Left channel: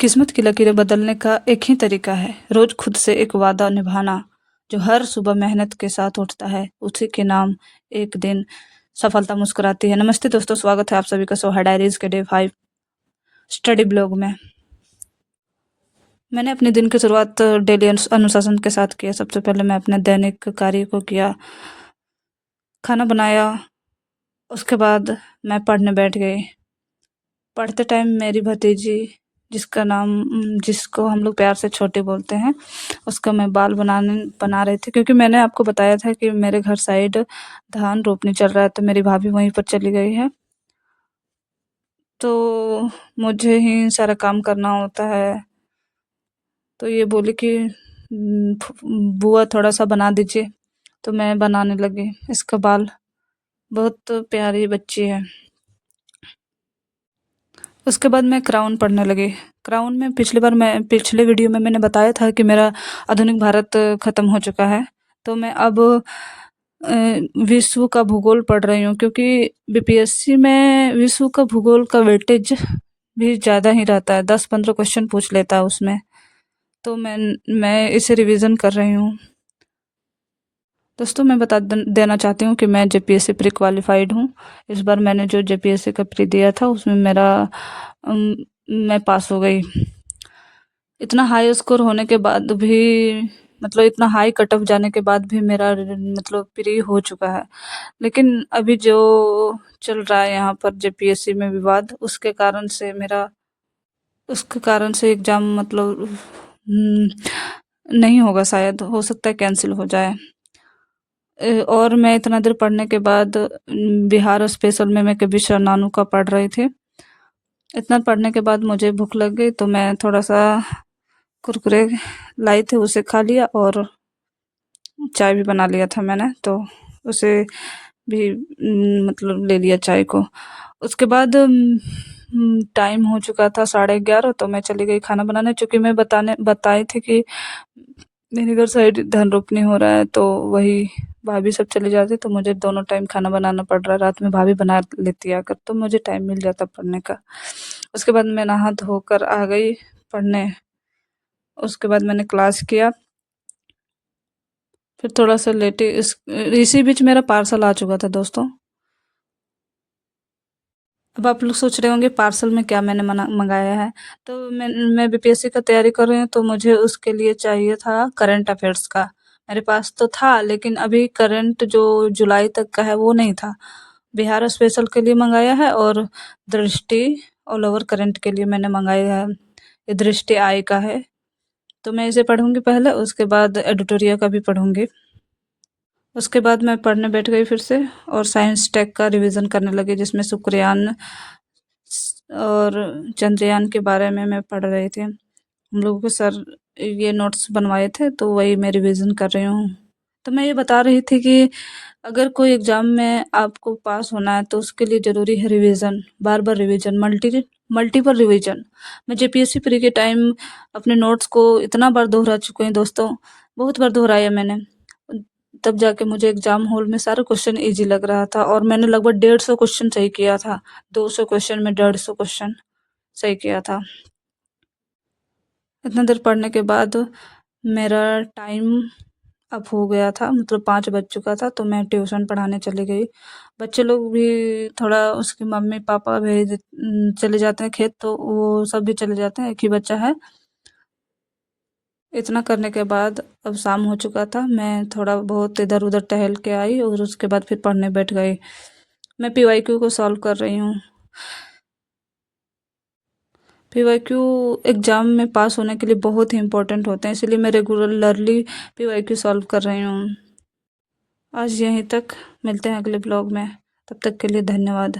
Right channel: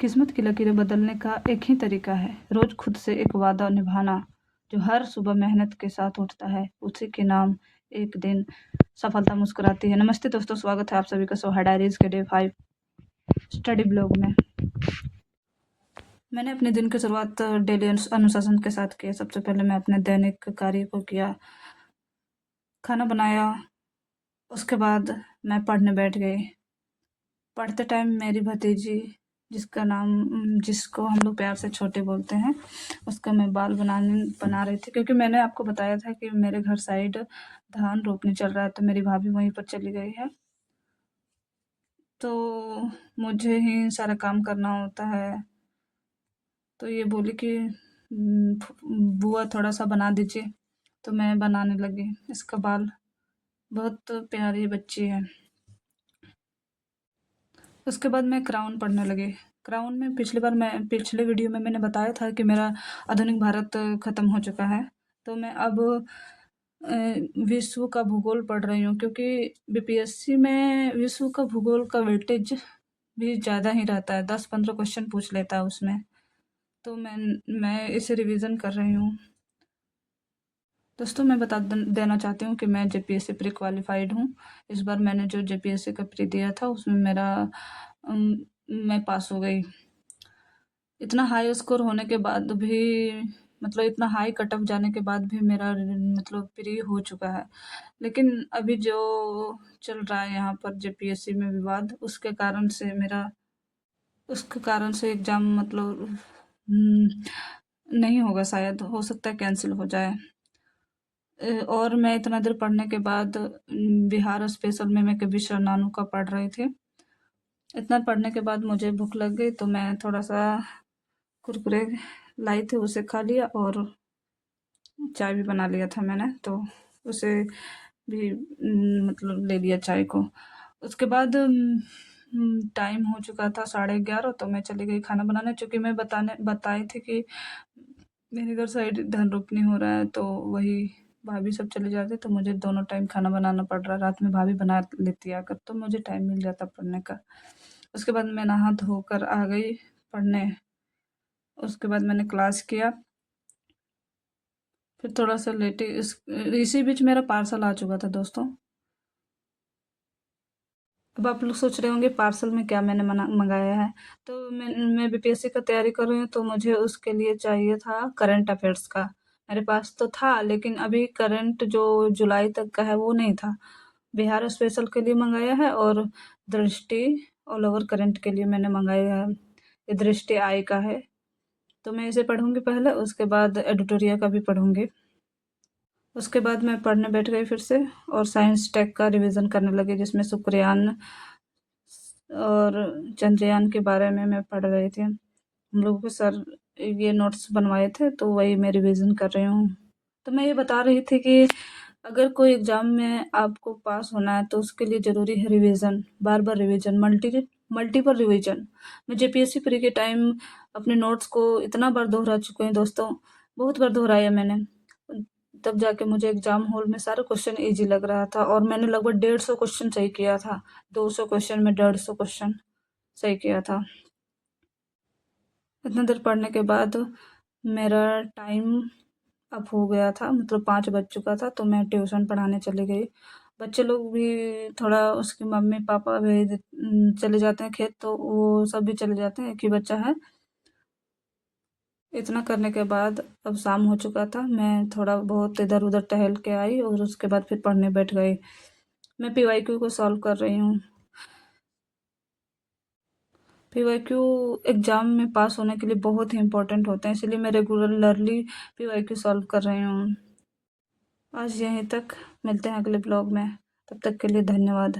किस्मत की लकीरें बदलने का एक ही तरीका है, रोज़ खुद से एक वादा निभाना। जो हर सुबह मेहनत के साथ उठता है, उसी के नाम एक दिन सफलता मुस्कुराती है। नमस्ते दोस्तों, स्वागत है आप सभी का सोहा डायरीज़ के डे 5 स्टडी ब्लॉग में। मैंने अपने दिन की शुरुआत डेली अनुशासन के साथ किया। सबसे पहले मैं अपने दैनिक कार्य को किया, खाना बनाया, उसके बाद मैं पढ़ने बैठ गई। पढ़ते टाइम मेरी भतीजी जिसको हम लोग प्यार से छोटी बोलते हैं, उसका मैं बाल बना रही थी, क्योंकि मैंने आपको बताया था कि मेरे घर साइड धान रोपनी चल रहा है, तो मेरी भाभी वहीं पर चली गई है, तो मुझे ही सारा काम करना होता है। तो ये बोली कि बुआ थोड़ा सा बना दीजिए, तो मैं बनाने लगी इसका बाल। बहुत प्यारी बच्ची है। उसके बाद मैं क्राउन पढ़ने लगी। क्राउन में पिछले वीडियो में मैंने बताया था कि मेरा आधुनिक भारत ख़त्म हो चुका है, तो मैं अब विश्व का भूगोल पढ़ रही हूँ, क्योंकि बीपीएससी में विश्व का भूगोल का वेटेज भी ज़्यादा ही रहता है, 10-15 क्वेश्चन पूछ लेता है उसमें। तो मैं इसे रिवीजन कर रही हूँ। दोस्तों, मैं बता देना चाहती हूँ कि मैं जेपीएससी प्री क्वालिफाइड हूँ। इस बार मैंने जो जेपीएससी का प्री दिया था, उसमें मैं पास हो गई। इतना हाई स्कोर होने के बाद भी, मतलब इतना हाई कट ऑफ जाने के बाद भी मेरा मतलब प्री हो चुका है। लेकिन अभी जो चल रहा है यहाँ पर जेपीएससी में विवाद, उसके कारण से एग्ज़ाम मतलब नहीं होगा, शायद हो सकता है कैंसिल हो जाए। और मैं इतना देर पढ़ने के बाद बिहार स्पेशल में मैं कभी नानू का पढ़ रही थी। इतना पढ़ने के बाद मुझे भूख लग गई, तो मैं थोड़ा सा कुरकुरे लाई थी, उसे खा लिया, और चाय भी बना लिया था मैंने, तो उसे भी मतलब ले लिया चाय को। उसके बाद टाइम हो चुका था 11:30, तो मैं चली गई खाना बनाने, चूँकि मैं बताई थी कि मेरे घर साइड धान रोपनी हो रहा है, तो वही भाभी सब चले जाते, तो मुझे दोनों टाइम खाना बनाना पड़ रहा है। रात में भाभी बना लेती आकर, तो मुझे टाइम मिल जाता पढ़ने का। उसके बाद मैं नहा धोकर आ गई पढ़ने। उसके बाद मैंने क्लास किया, फिर थोड़ा सा लेटी। इसी बीच मेरा पार्सल आ चुका था दोस्तों। अब आप लोग सोच रहे होंगे पार्सल में क्या मैंने मंगाया है। तो मैं बीपीएससी का तैयारी कर रही हूँ, तो मुझे उसके लिए चाहिए था करंट अफेयर्स का। मेरे पास तो था, लेकिन अभी करंट जो जुलाई तक का है वो नहीं था। बिहार स्पेशल के लिए मंगाया है, और दृष्टि ऑल ओवर करंट के लिए मैंने मंगाया है। ये दृष्टि आई का है, तो मैं इसे पढ़ूंगी पहले, उसके बाद एडिटोरियल का भी पढ़ूंगी। उसके बाद मैं पढ़ने बैठ गई फिर से, और साइंस टेक का रिवीजन करने लगी, जिसमें शुक्रयान और चंद्रयान के बारे में मैं पढ़ रही थी। हम लोगों के सर ये नोट्स बनवाए थे, तो वही मैं रिवीजन कर रही हूँ। तो मैं ये बता रही थी कि अगर कोई एग्ज़ाम में आपको पास होना है, तो उसके लिए ज़रूरी है रिवीजन, बार-बार रिवीजन, मल्टीपल रिवीजन। मैं जेपीएससी प्री के टाइम अपने नोट्स को इतना बार दोहरा चुकी हूँ दोस्तों, बहुत बार दोहराया मैंने। तब जाके मुझे एग्ज़ाम हॉल में सारा क्वेश्चन ईज़ी लग रहा था, और मैंने लगभग 150 क्वेश्चन सही किया था। 200 क्वेश्चन में 150 क्वेश्चन सही किया था। इतना देर पढ़ने के बाद मेरा टाइम अब हो गया था, मतलब 5 बज चुका था, तो मैं ट्यूशन पढ़ाने चली गई। बच्चे लोग भी थोड़ा, उसके मम्मी-पापा चले जाते हैं खेत, तो वो सब भी चले जाते हैं, एक ही बच्चा है। इतना करने के बाद अब शाम हो चुका था, मैं थोड़ा बहुत इधर-उधर टहल के आई, और उसके बाद फिर पढ़ने बैठ गई। मैं पीवाईक्यू को सॉल्व कर रही हूँ। पीवाईक्यू एग्ज़ाम में पास होने के लिए बहुत ही इम्पोर्टेंट होते हैं, इसलिए मैं रेगुलरली पीवाईक्यू सॉल्व कर रही हूँ। आज यहीं तक, मिलते हैं अगले ब्लॉग में, तब तक के लिए धन्यवाद।